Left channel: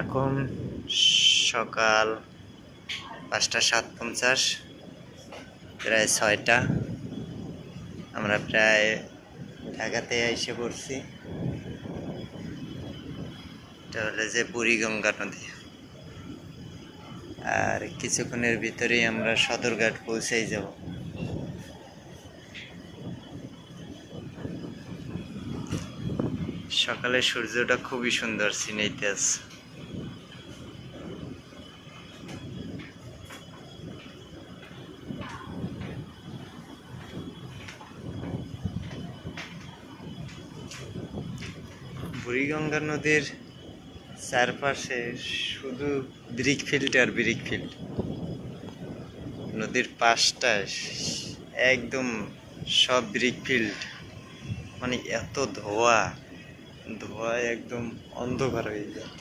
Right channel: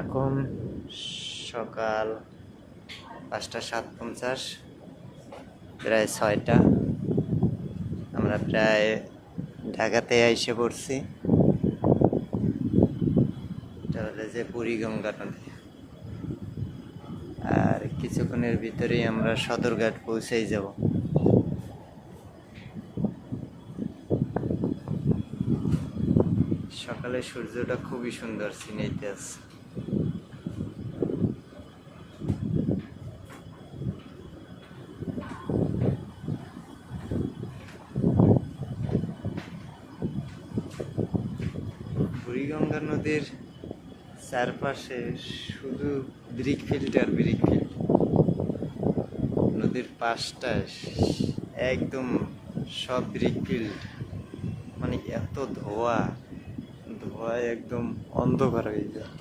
এখন সকাল 5:50, প্রায় 6টা। আমরা প্রায় ঢাকাতে এসে পড়ছি। এটা হলো যে বুড়িগঙ্গা নদী। আর কিছুক্ষণের ভিতরেই আমরা সদরঘাট পৌঁছেই যাব। সকালে সূর্যটা খুবই সুন্দর সিনেইতে আছে। বুড়িগঙ্গা নদীর চারপাশে শুধু ব্রিক ফিল্ড আর ব্রিক ফিল্ড। নদীর পাশটায় একদম সব ব্রিক ফিল্ড, মানে এত ধোঁয়ায় একদম অন্ধকার হয়ে যায়।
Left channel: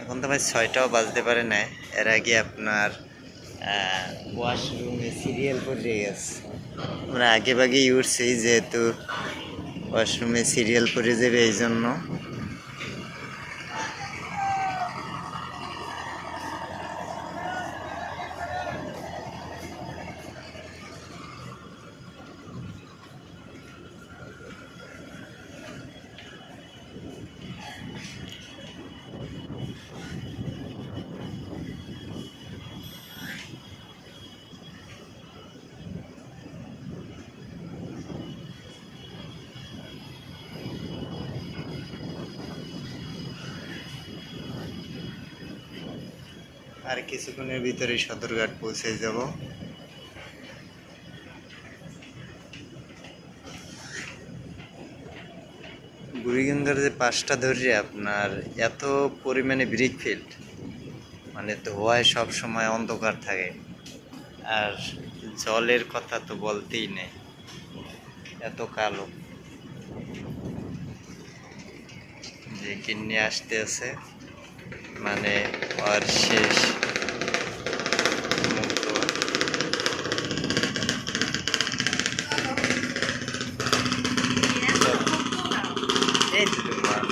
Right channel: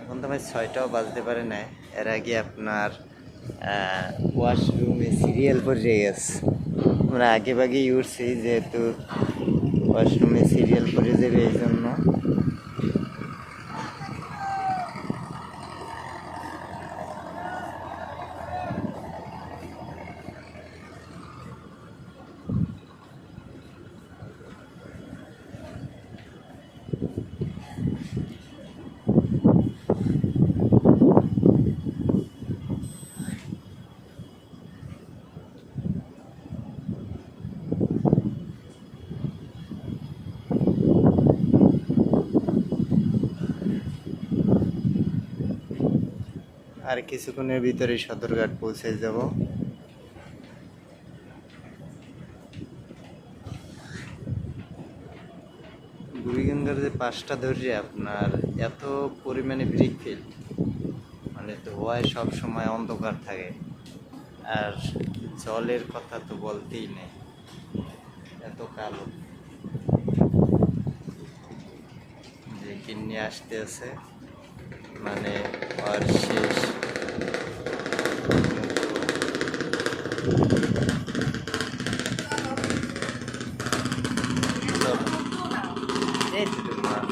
এখন তো ভাই 6টাও বাজতে পারে না। এর আগে আপনার ওয়াশরুমে সিরিয়াল পড়ে গেছে। আমরা আগে ভাগেই উঠছি, যেহেতু ওয়াশরুমে সিরিয়াল পড়ে যাবে এই জন্য। আর কিছুক্ষণের ভিতরে সদরঘাট পৌঁছে যাব। বুড়িগঙ্গার যে পাশটা ধরে আপনার এত পরিমাণে ব্রিক ফিল্ড, মানে ধোঁয়ায় সব সময় অন্ধকার থাকে। আর জলের কথা তো বলতেই নেই, এত কালো যে কিনে আসতে আছে, মানে আর শেষ মুক্ত। এই তো তোমার